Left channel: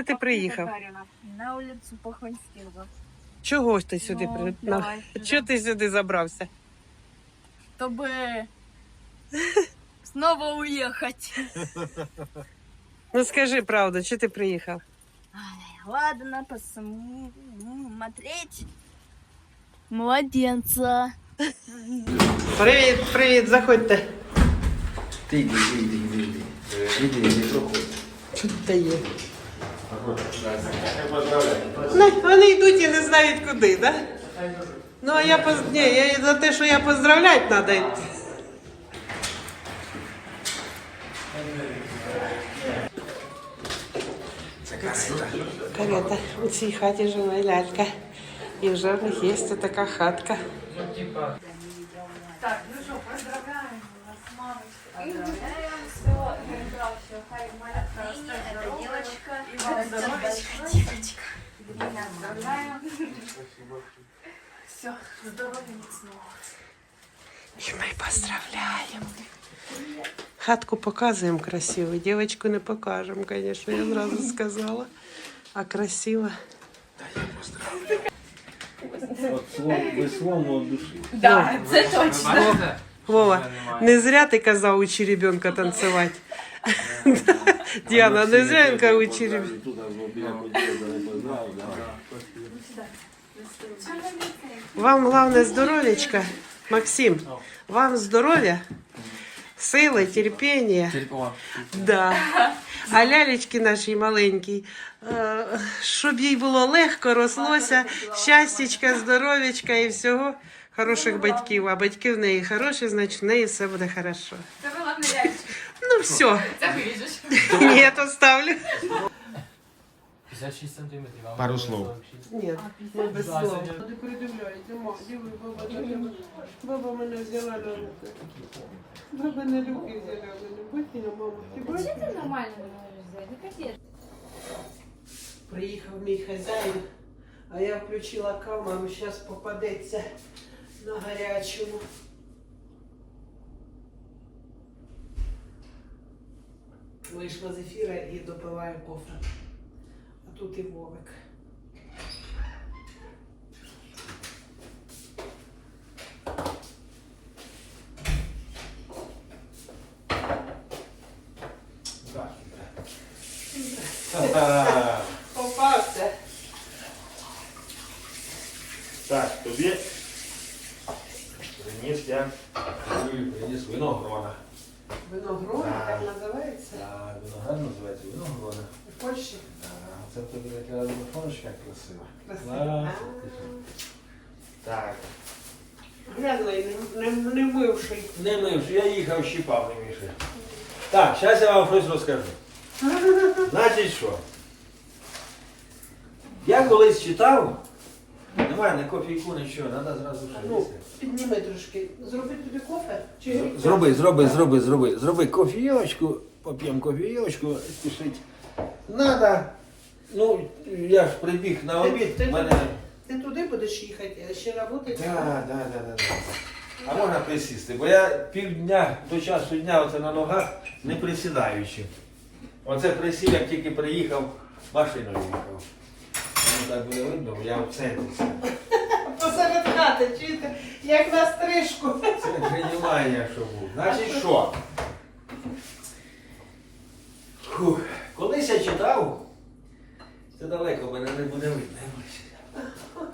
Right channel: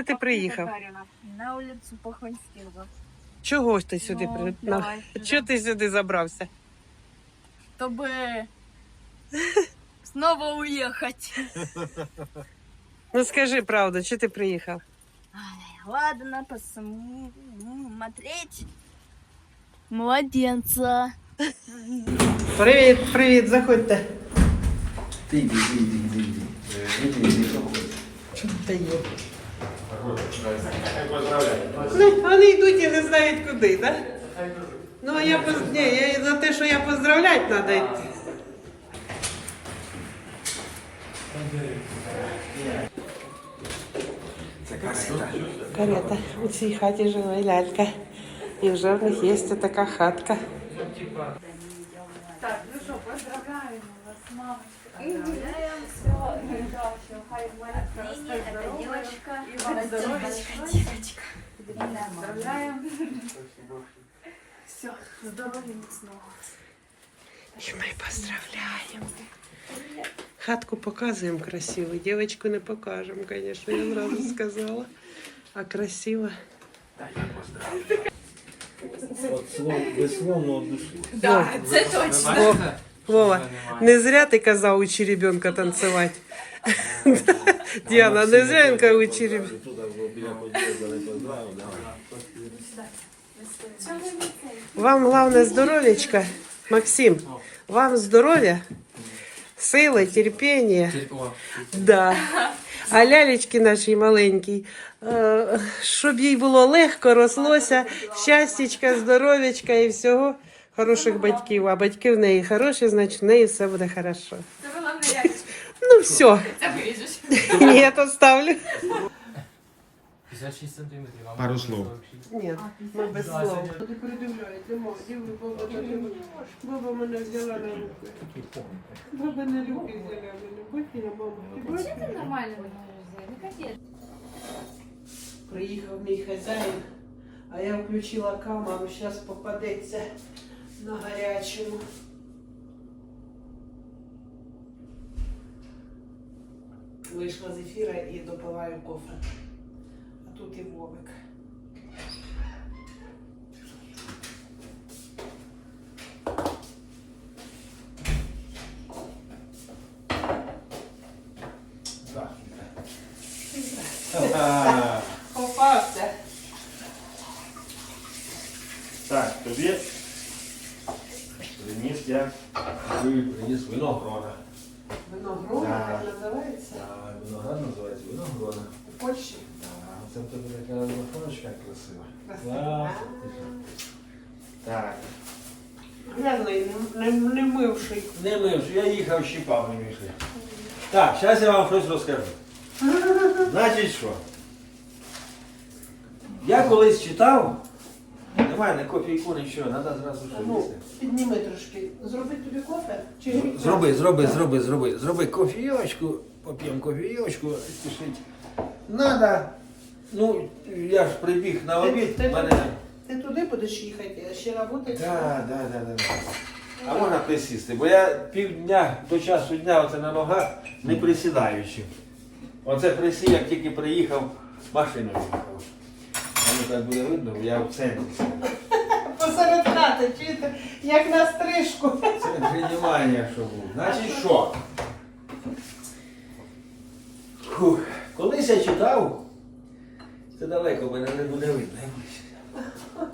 Куди ти приїхав? На улицу Похвальстилова. Чого ж ти сюди Ну, при... давай на- сюди. Чого ти сюди забрався? Чтобы снова уехать. Ну скажи правду, чого ти приїхав? Ладно, посмотреть. Младенца. Привіт, привіт, заходьте. Ти йди, йди, йди, йди. Е, Іди, йди, проходь. Тут дає. Ну, вони йдуть і не знають куди, так? Да? Ну, а я поз... Ні, я за те, що я поздравляти треба йти. Карета. У цій хаті живе лялька. І вже в них є така хатка. Так, ну что, поздравляем вас с мамой. Поздравляем, все, все, хай малятка растет здоровочка. И вам здоровечка. Девочка. Поздравляем. Все, здоровья міцного. І ми поздравляємо. Хатку показуємо красиву, дівчинку не покажемо, звісно, я зразу сказала. А красиво. От слов- веслом від душі. Да, це точно. Во- Вова, не зря ти казав учи ребенка танцювати. Діана, не зря він казав учи ребенка. Тут біля поділа далеко знав, да. Вам головне здоров'ячка, Максим. Вам здоров'я, сили, терпіння. Да. А лялечки нашій маленькій, щоб їй було легко, рослося, щастячка, здоров'ячка і всього. Хороших батьків, а батьки в неї хороші, значить в неї все буде хорошо. Не. Ну все, Це виріжеш. ні, то 56 сантиметрів. а Пару ми слов. 46. Ні, ми без слов. Ти придивляєте, баба мене взяла на руки. Баба на руки взяла мене. Бакіна, мама, ти бачиш? Ти нормально не можеш взяти, не капець. Приїхав мій хазяїн, а я включила камеру, зараз попадеться на гарячому. Вийшла з ефіра і допиваю кофе. А тут і Вовик. Попався. Так, тобі приніс я приніс винограда. Виноград, Да. так називається. А Виноград називається винограда. У Польщі. А Це тобі така виноградочка красива. Красива. Да, ти що? Так. Грязний, не, не мивший. Не мив, їхав щіпав не міше. Так, зараз я вам щось розкажу. Значить що? Я колись читав, немає не кофійку, нічого, треба зразу що Ну, підніми трошки. Зроби тобі кофе? Чи Зроби, зроби, зроби, зроби. Зроби кофійочку, поп'ємо кофійочку, спішить. Надо. Ну, я ж прибіг на обід, Ти, в мене. ти туди будеш їхати, а ще роботи? Да, да, да, да. А можна присісти, бо я півдня до часу дня оце на ногах не присідаючи. Оце присів, як тільки приїхав, машиною їхав. Воно так буде видно, бо я в центрі. Посеред хати, чуєте, як на стрижку. Це тренування, що був. Значить що? Фух. Колись я читав, це далеко мене не буде видно.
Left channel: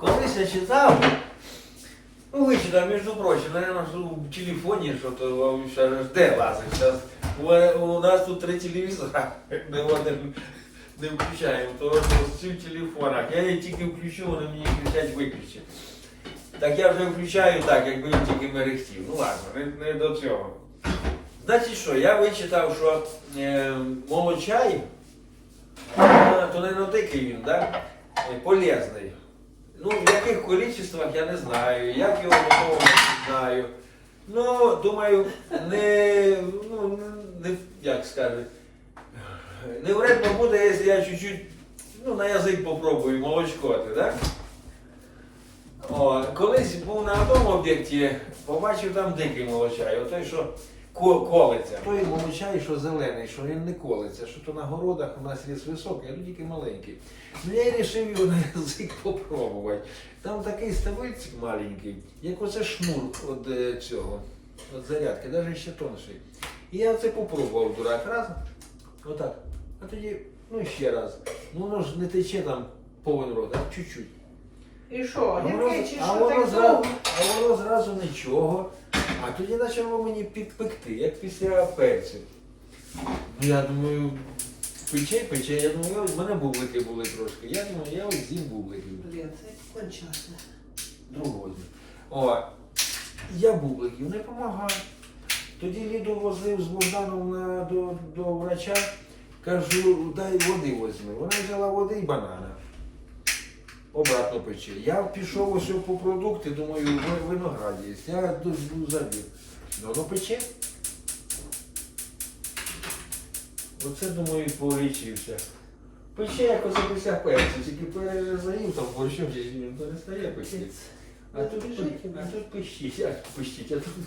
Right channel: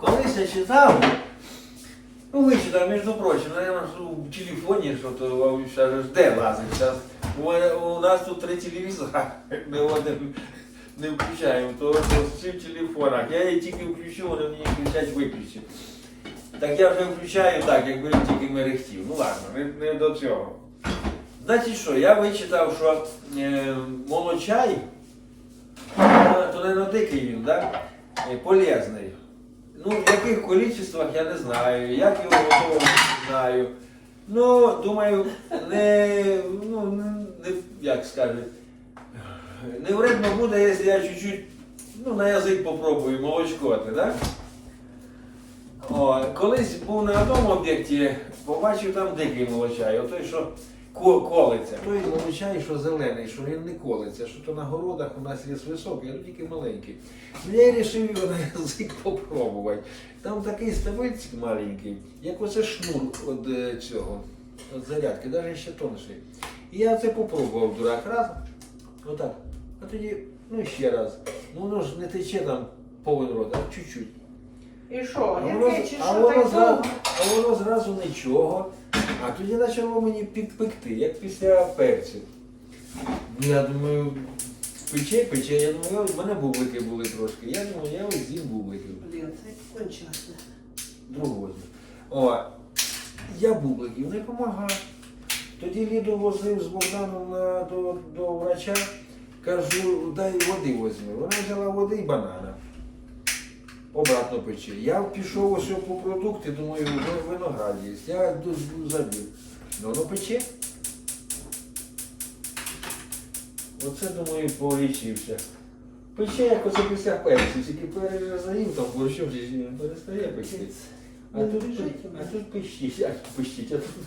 Колись я читав, ну вичитав, між прочим, наверное, в телефоні, що то ж де лазить. Зараз у, у нас тут три телевізора, ми один не включаємо, то всі в телефонах. Я її тільки включу, вони мені кричать виключити. Так я вже включаю так, якби він тільки мерехтів. Ну ладно, не, не до цього. Значить що, я вичитав, що е, молочай, то не на дикий він, да? е, полезний. Ну, в яких количествах я не знаю, як його готовимо, не знаю. Ну, думаю, не, ну, не, як скажуть, не вредно буде, якщо я чуть-чуть ну, на язик попробую молочко, так? О, колись був на одному об'єкті, побачив там дикий молочай. Отой, що ко- колиться. Той молочай, що зелений, що він не колиться, що то на городах у нас є високий, а тут тільки маленький. Ну я вирішив його на язик попробувати. Там такий ставильчик маленький, як оце шнур від е, цього, від зарядки, навіть ще тонший. І я це попробував дурак раз, отак. А тоді, ну ще раз. Ну воно ж не тече там повен рот, а чуть-чуть. І що? А воно, Яке чи а воно так зразу, довго? а воно зразу нічого. А тоді почало мені підпекти, як після перцю. Ну я думаю, пече, пече. Я думаю, в мене бублики були трошки. Я думаю, я ось з'їм бубликів. Блін, це кончаться. Другого з'їм. О, я бубликів не допомагаю. Тоді Ліду возив з Богданом на, до, до врача, кажу, дай води возьми. Вона взяла води і банана. Обратно пече. Я пішов ось по продукти, думаю, ви- виноград є. Я до- забив. Ну, воно пече. Оце, думаю, полічився. Пече, як оце після перцю, тільки перезаїв там борщом, перестає пече. А тут, а тут пищить, як пищить, а тут,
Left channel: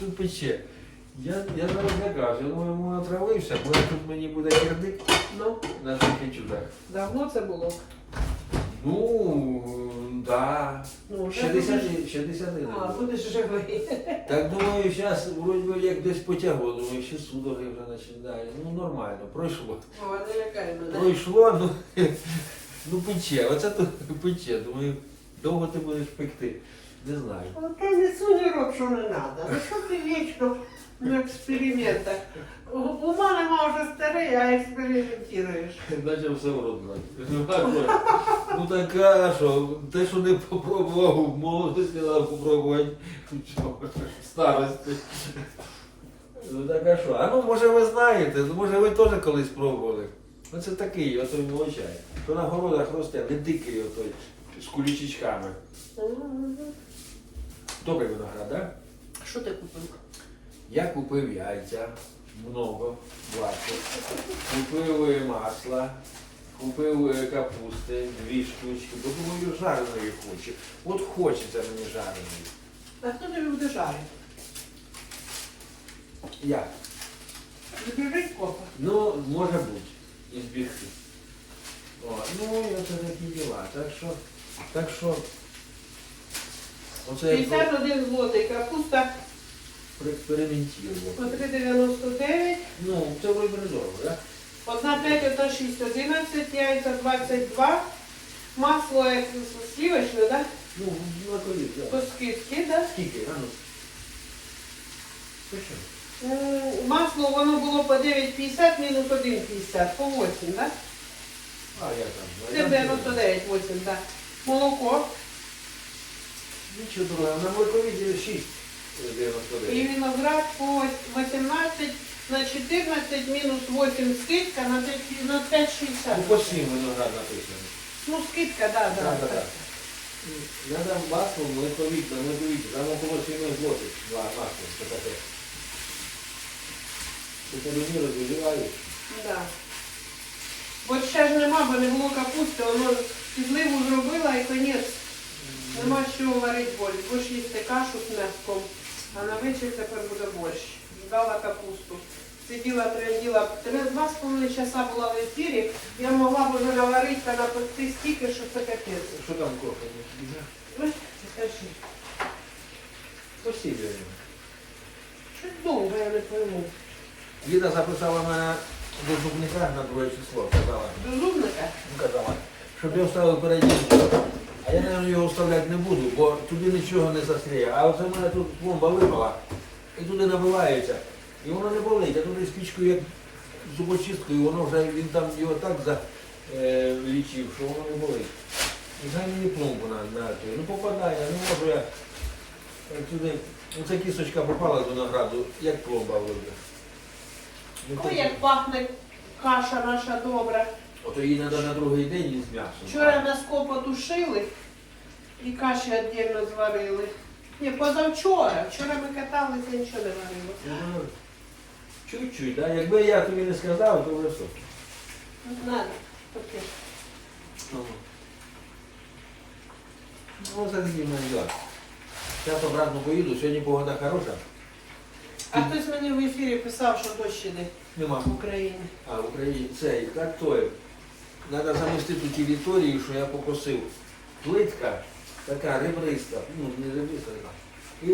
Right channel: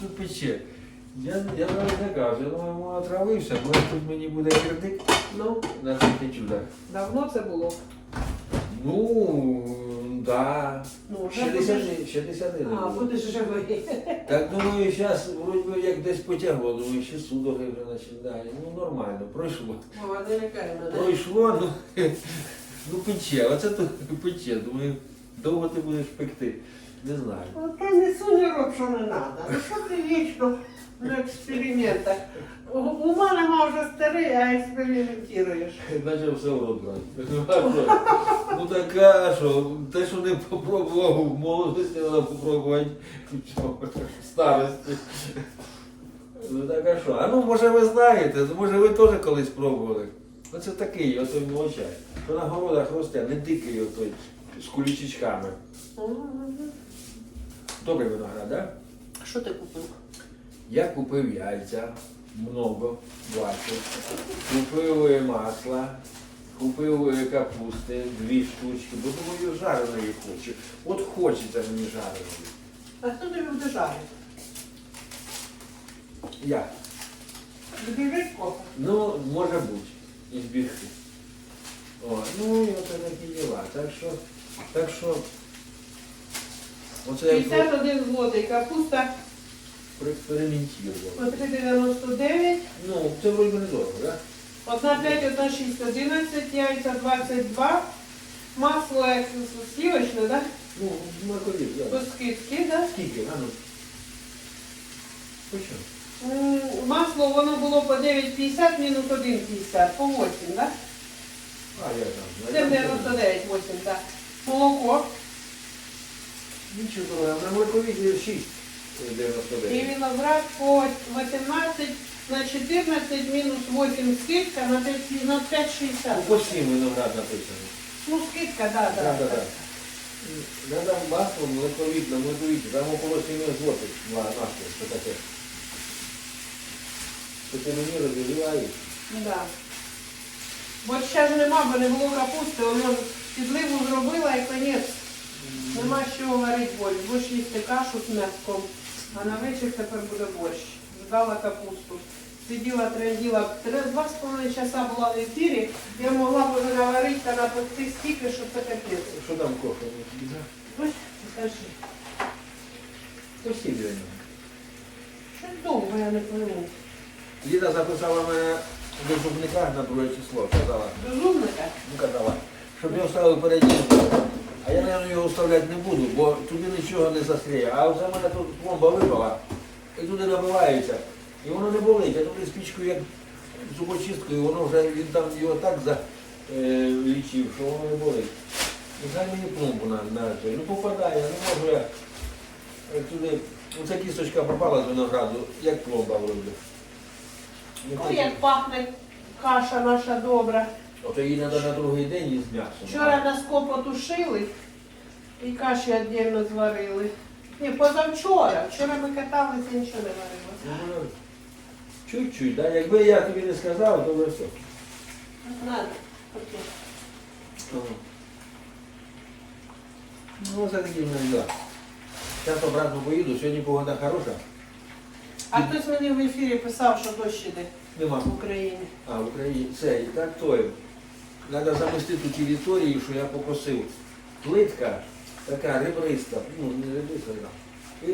тут пече. Я, я навіть не кажу, я думаю, йому отравився, бо тут мені буде кредит Ну, на таке чудо. давно це було. Ну, да. Ну, вже 60, 61. А, будеш живий. Так думаю, зараз вроді як десь потягло, думаю, ще судороги вже починають. Ну нормально, пройшло. О, не лякай мене. Пройшло, ну, ну пече, оце то пече. Думаю, довго ти будеш пекти. Не знаю. Та не рот, що не треба. Ну що ти вічно на експериментах? У, у мене ма вже старий, а експериментуєш. Наче все брати. Ну так а що, те, що не попробував в молодості, треба попробувати в старості. Ну так а що? А ну може ви знаєте, ну, може ви теж колись пробували. Оце такий, отой молочай. Що на городах росте, не дикий отой, з кулічечками. Добрий виноград, так? Да? Що ти купив? Я купив яйця, много, 20. Купив е, масло, купив е, капусти, дві штучки, бо думаю, жареної хочу. От хочеться мені жареної. А хто тобі буде жарити? Я. Збіжить копа. Ну, може бути, і збігти. О, ну і оце такі діла. Так що, так що, оце я 51 злотий, капуста проекспериментував. по 3,99, Ну, це вроде недорого, так? одна 5, одна 6, 11, яйця 22, масло як сливочне, да? Ну, на колі, По так. скидці, да? Скільки, а ну? Точно? М, Масло воно було по 9,50 мінус 1,50, по 8, да? А, я там. Це 99, 8, да. Молоко Нічого дорого, на моркові 6 і виноград по 18 на 14 мінус 8 скидка на 5 на 5,60. Ну, по 7 виноград написано. Ну, скидка, да, да. Так, так, так. Я дам масло, млековік, на млековік, там около 7 злотих два масло, це таке. Це мені розігрівають. Да. Бо ще ж нема, бо не було капусти, воно підливу зробила і конець. Нема з чого варити борщ. Будеш їсти кашу з м'яском, а на вечір тепер буде борщ. Ждала капусту. Сиділа, тренділа. Три, два з половиною часа була в ефірі. Я могла б вже наварити та напекти стільки, що це капець. Що там кофе? Ой, скажи. Спасибо. Щось довго, я не пойму. Ліда записала мене до зубника на друге число, казала. Розумника? Ну, казала, щоб я вставив зуб. А я, мабуть, його вставляти не буду, бо туди нічого не застряє. А оце в мене тут пломба випала і туди набивається. І воно не болить, а туди спічкою як зубочисткою, воно вже він там його так залічив, що воно не болить. Нехай мені пломбу на, на той. Ну попадає, не можу я е, туди. Оця кісточка попала з винограду, як пломба вроде. Ну, Ой, як пахне каша наша добра. Ото її треба на другий день із м'ясом. Вчора нас потушили і каші віддільно зварили. Ні, позавчора. Вчора ми каталися, нічого не варили. Ну, ну, Чуть-чуть, да? якби я тобі не сказав, то вже все. Знаю. Окей. Ну, це такі в мене. Зараз обратно поїду, сьогодні погода хороша. А хтось мені в ефірі писав, що дощ іде Нема. в Україні. А, в Україні цей, так той. Треба замостити територію, що я попросив. Плитка така ребриста, ну не ребриста, і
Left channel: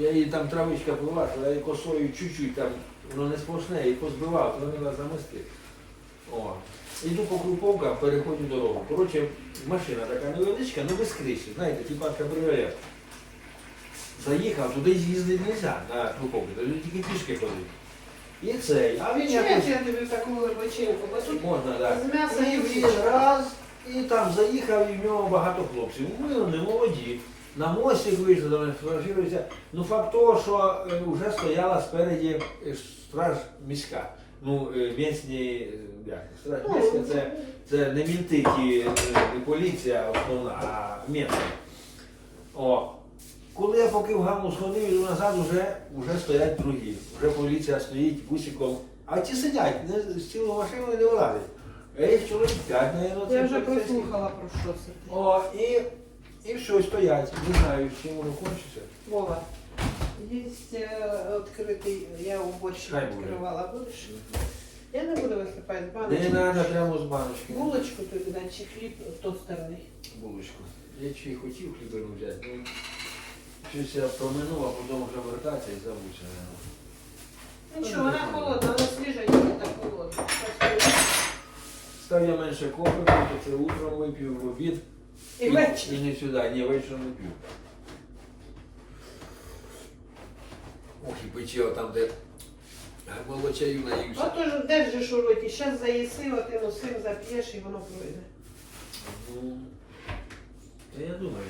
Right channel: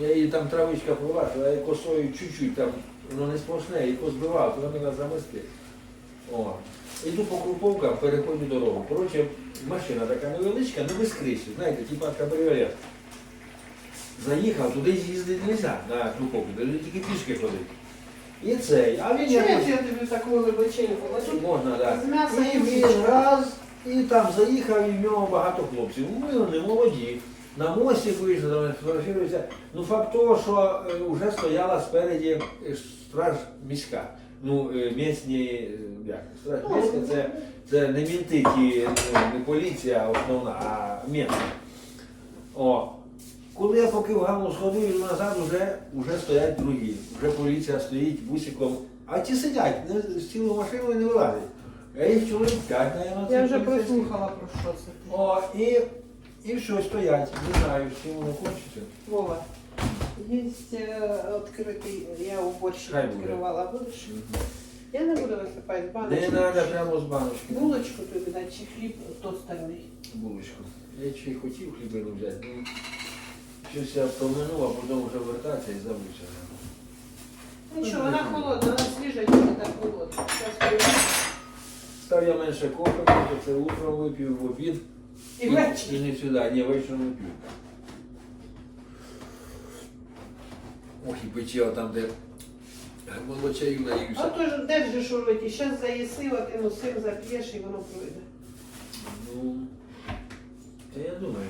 я її там травичка була, я косою чуть-чуть там, воно не сплошне, її позбивав, то вона замести. О. Іду по круповкам, переходжу дорогу. Коротше, машина така невеличка, ну без криші, знаєте, типа кабріолет. Заїхав, туди їздити не можна на круповки, туди тільки пішки ходити. І цей, а він Чого якось... я тобі таку либочинку? Ось Можна, так. з м'яса І і він вічка. раз, і там заїхав, і в нього багато хлопців. Ми вони молоді. На мостик вийшли, там сфотографіруються. Ну факт того, що е, вже стояла спереді е, страж міська. Ну, е, місні, е, як, страж міська це, це не мінти, ті, е, не поліція основна, а місна. Поки в гаму сходив, іду назад вже, вже стоять другі. Вже поліція стоїть бусиком. А ті сидять, не, з цілу машину не вилазять. Я їх чоловік п'ять, наверное, Я вже прослухала про що це. О, і, і все, стоять. Не знаю, з чим воно кончиться. Вова, є відкритий, я у Хай буде. відкривала. Будеш? Я не буду висипати з Не баночки. треба прямо з баночки. Булочку тобі чи хліб тостерний. Булочку. Я й хотів хлібину взяти. Ну, щось я проминув, а потім вже вертатися і забувся. Нічого, вона холодна, вона свіжа, тільки так холодна. Став я менше кофе, то це утром випив, в обід. І ввечері. І не сюди, ні, вечором не п'ю. Ох, і пече там, де молочаю наївся. А то ж де ж шуруйте, зараз заїси, ти носив, зап'єш і воно пройде. Ну, та я думаю.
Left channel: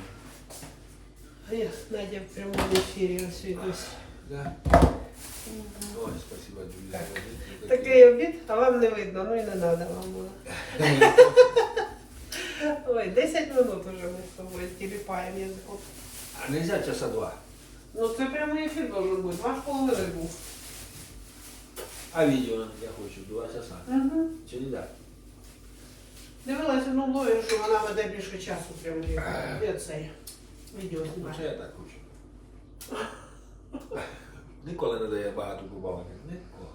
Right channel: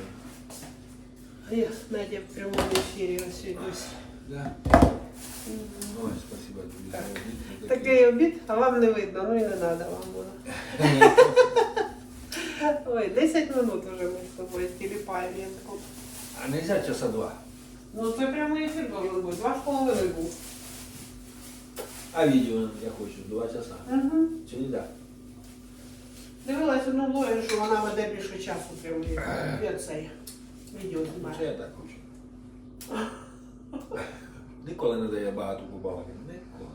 Я Надя в прямому ефірі ось ось. Да. Ой, спасибо, друзі. Такий обід, а вам не видно, ну і не треба вам буде. Ой, 10 минут уже ми з тобою тіліпаємо язиком. А нельзя часа два. Ну це прямий ефір должен бути, два з половиною був. А відео я хочу, два часа. Угу. Чи не так? Дивилась одну блогер, що вона веде більше часу прямо де це відео Ну, це я так хочу. Ніколи не дає багато побавити. Ніколи.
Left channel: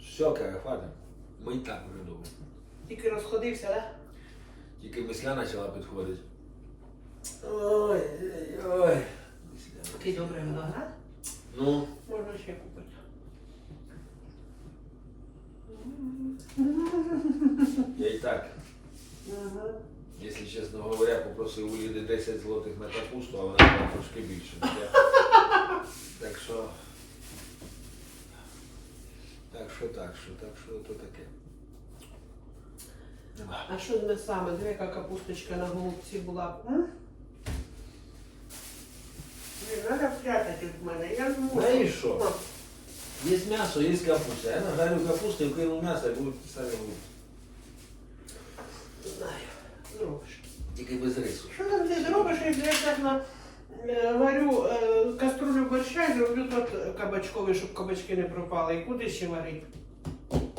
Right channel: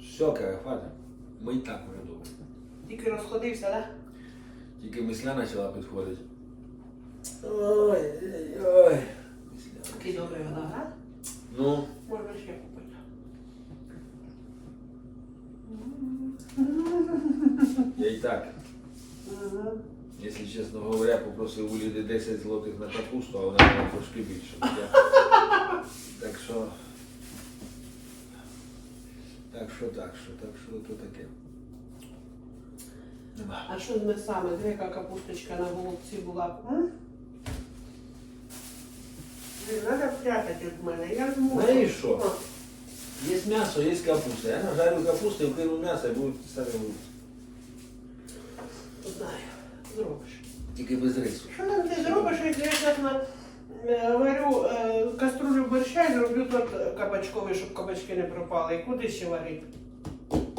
Все, каже, хватить. Ми і так вже добре. Тільки розходився, так? Тільки мисля почала підходити. Ой, ой, ой. Такий добрий виноград. Ну, Можна ще купити. я і так, Угу. Якщо чесно говоря, попросив у люди 10 злотих на капусту, а вона була трошки більше. Я... Так що. Так що, так що, так що то таке. Нема. А що з м'ясами? Дві яка капусточка на голубці була. б, м? Блін, Треба спрятати від мене. Я не можу. Знаєш що? Є м'ясо, є капуста. Я нажарю капусту і вкину м'ясо і будуть самі. Знаю. Зробиш. Тільки без рису. Що там ти зробиш, якщо я чесно е, варю е, каструлю борща і роблю тут кабачковий, щоб кабачки не пропали. І куди ще варити?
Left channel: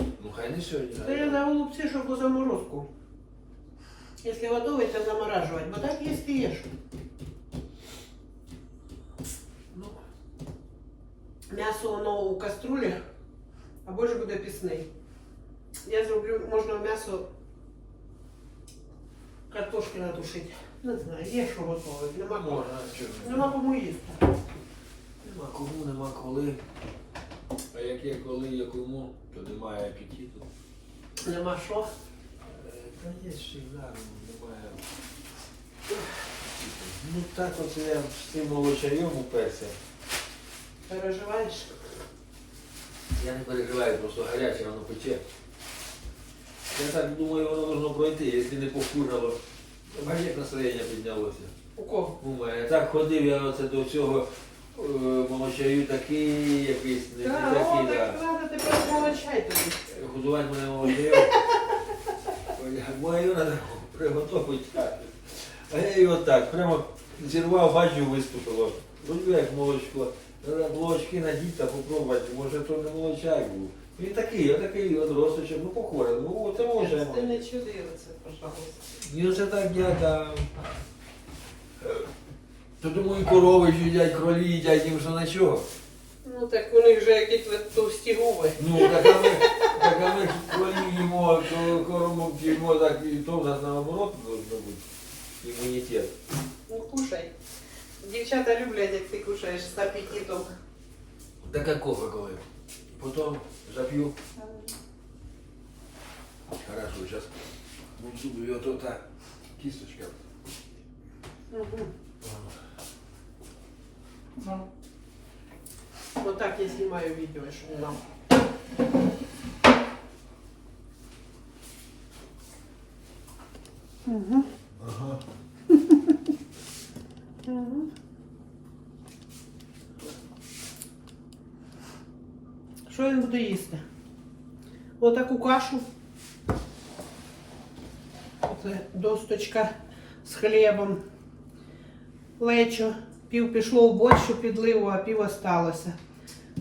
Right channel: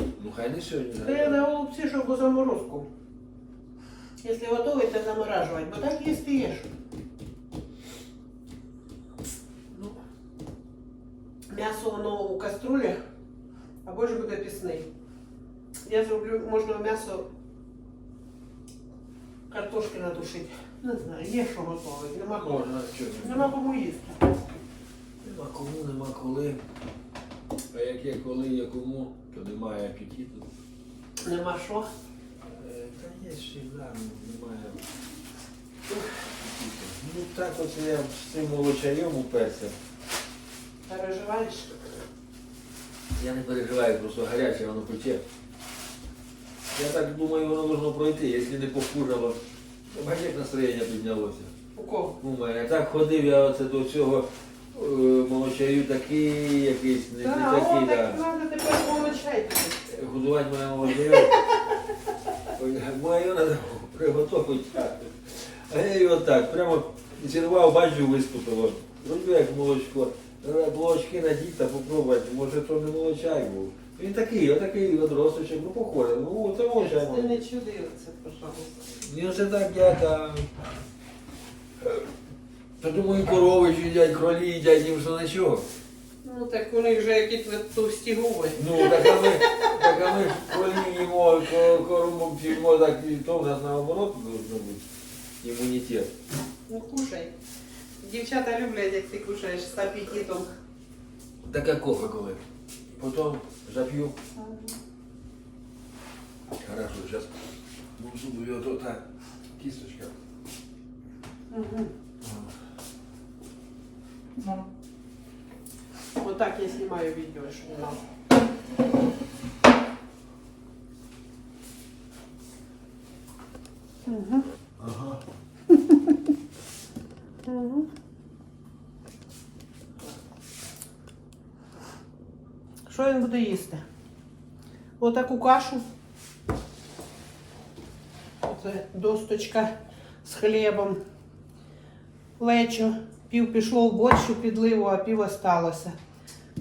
Ну хай не сьогодні. Та я на голубці, щоб у заморозку. Якщо готовий, то заморажувати. Бо так їсти їш. Ну, М'ясо воно у каструлі, а боже буде пісний. Я зроблю, можна м'ясо картошки надушити. Не знаю, є що готовить. Нема кому. можна, чого. Нема кому їсти. Нема кому, нема коли. А як є коли, є кому, то немає апетиту. Нема що. Е, Та є ще да, немає. Ну так от я з цим молочарем уперся. Переживаєш? Я не переживаю, просто гаряче, воно пече. Я так думаю, воно должно пройти, якщо не покурало. Бачиш, як настроєння піднялося. У кого? У мене так ходив я оце до цього е, молочаю такий якийсь, не, не Так, о, такий, так да. треба тепер помочай тобі. Годувати мене молочаю. Мою треба приготувати. А я його так, прямо зірвав, бачу, виступило. Вроді як молочко. Треба Молочки надіть та попробувати, може то не молочай був. Він такий, отакий, от росточок, ну похоже. Ну, це молочай. Ти не чудили це, пожалуйста. І оце так я там. е, То думаю, корови їдять, кролі їдять, їм що нічого. Ну, Ну так вони вже якісь товсті губи. Ну, так а ми, так а ми ж коли їмо коробок їмо, так і то в нас наоборот должно бути. Імунітет. Ну кушай. Дівчата люблять, як ти кушаєш з апетитом. Так а кофе коли? Потім зап'ю. Хорошо, сейчас буду зубы, вот вот так. Кисточка. Угу. Отак я знімаю відео, щоб нам. Угу. Ага. Угу. Що він буде їсти? Отаку кашу. Це досточка з хлібом. Лечо. Пів пішло в борщу підливу, а пів осталося.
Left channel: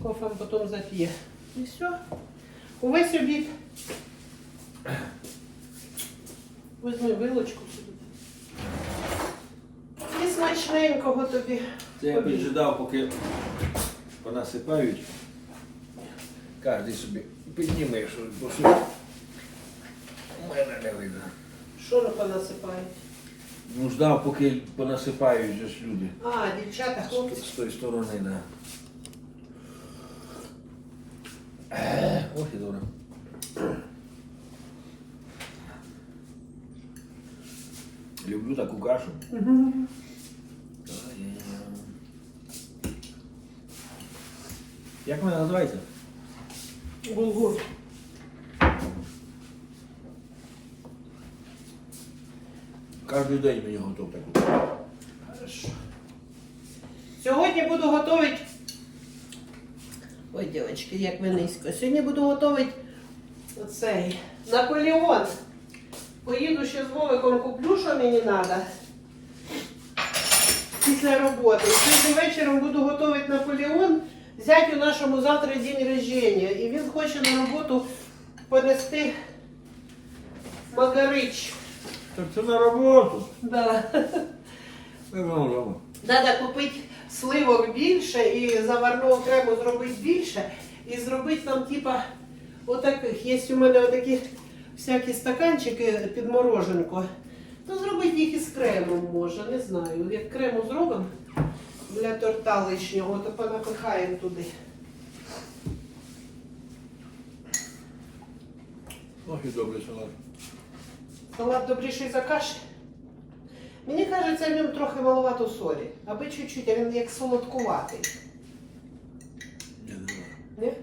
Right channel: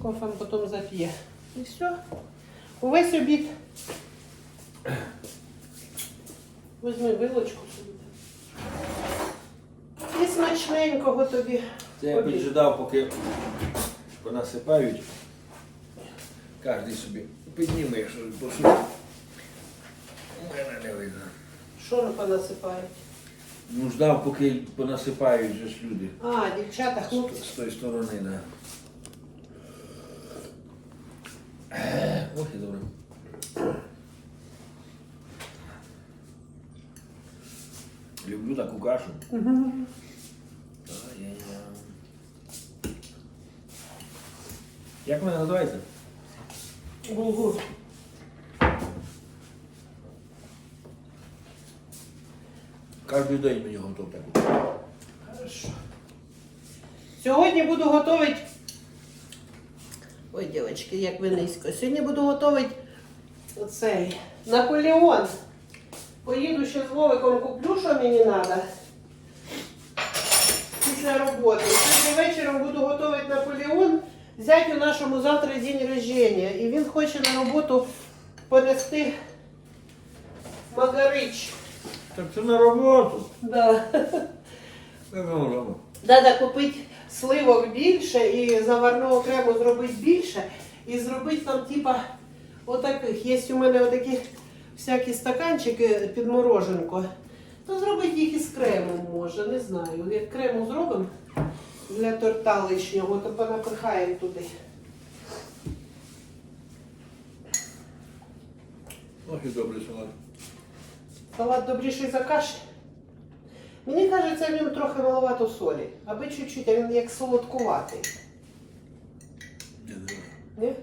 Кофем потім зап'є. І все. Увесь обід. Візьми вилочку. І смачненького тобі. Це я піджидав, поки понасипають. Кожен собі підніме, що посуд. У мене не видно. Що понасипає? Ну, ждав, поки понасипають же ж люди. А, дівчата, З, хлопці. з тої сторони, да. Ох і добре. Люблю таку кашу. Угу. Як вона називається? Булгур. Кожен день мені готов таку. Хорошо. Сьогодні буду готувати. Ой, дівчатки, як ви низько. Сьогодні буду готувати оцей Наполеон. Поїду ще з Вовиком куплю, що мені треба. Після роботи. Сьогодні вечором буду готувати Наполеон. Зятю нашому завтра день рождения. І він хоче на роботу понести магарич. Так це на роботу. Да. Можемо. Треба купити сливок більше і заварну окремо зробити більше. І зробити там, типа, отаких. Є у мене отакі всякі стаканчики під мороженко. То зробити їх із кремом може, не знаю. Як крему зробимо для торта лишнього, то понапихаємо туди. Ох і добрий салат. Салат добріший за каші. Мені кажеться, в ньому трохи маловато солі, аби чуть-чуть, а він як солодкуватий. Не знаю. Ні?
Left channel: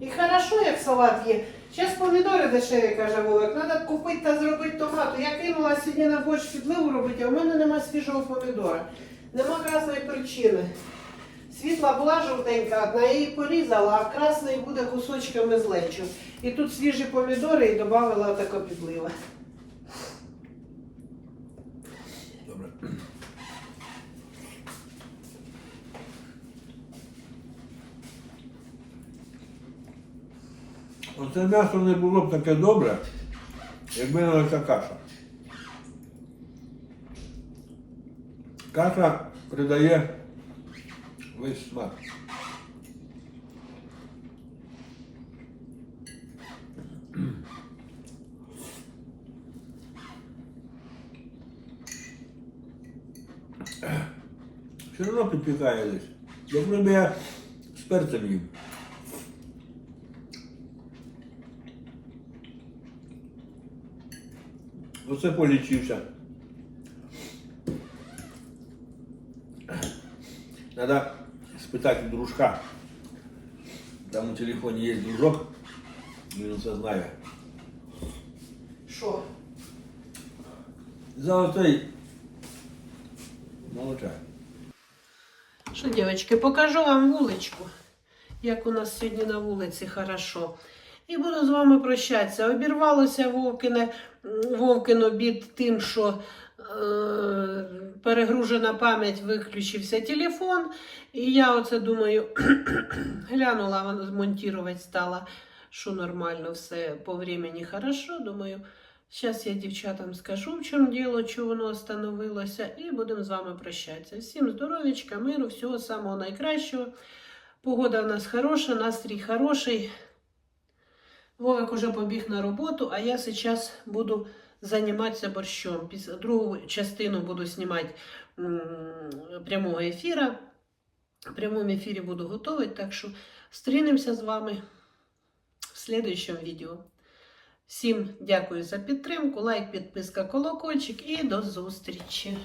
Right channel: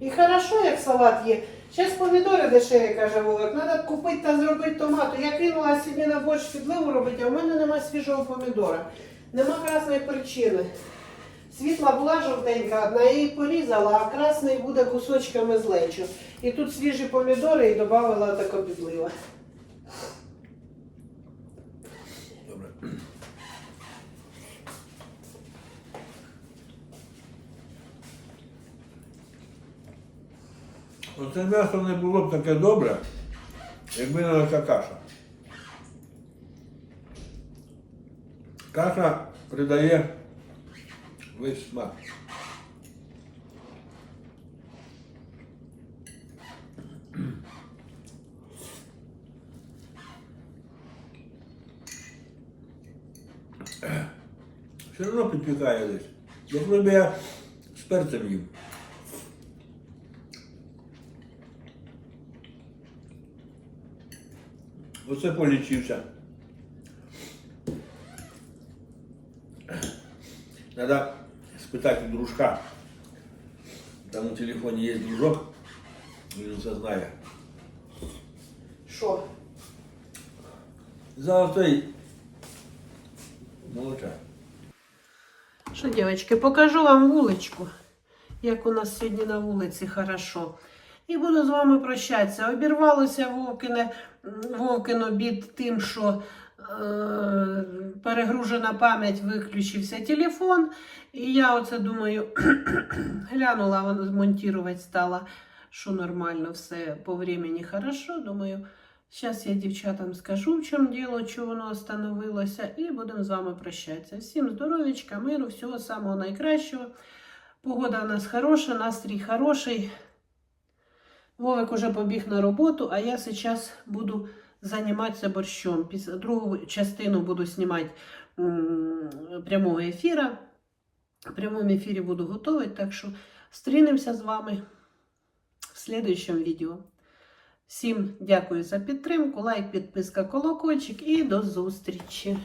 І хорошо, як салат є. Зараз помідори дешеві, каже Вовик. Треба купити та зробити томату. Я кинула сьогодні на борщ підливу робити, а в мене нема свіжого помідора. Нема красної причини. Світла була жовтенька одна, я її порізала, а красний буде кусочками з лечу. І тут свіжі помідори і додала така підлива. Добре. Оце м'ясо не було б таке добре, якби не оця каша. Каша придає весь смак. Все одно підпікає десь. Як ніби я з перцем їм. Оце полічився. Надо спитати у дружка. Там у телефоні є дружок, він все знає. Що? Золотий молочай. Що, дівчатки, покажу вам вуличку, як у нас сьогодні на вулиці хорошо. І буду з вами прощатися. Обірвалося Вовкине, Вовкин обід тим, що перегружена пам'ять, виключився телефон. І я оце думаю, глянула, вона змонтувати стала, що нормально, все по времени хорошо. Думаю, Зараз я дівчатам скажу, в чому діло, чого воно остановилося, і будемо з вами прощатися. Всім здоров'ячка, миру, всього самого найкращого. Погода в нас хороша, настрій хороший. Вовик уже побіг на роботу, а я зараз буду займатися борщом. Після другу частину буду знімати прямого ефіру. В прямому ефірі буду готувати, так що зустрінемося з вами в слідуючому відео. Всім дякую за підтримку, лайк, підписка, колокольчик і до зустрічі!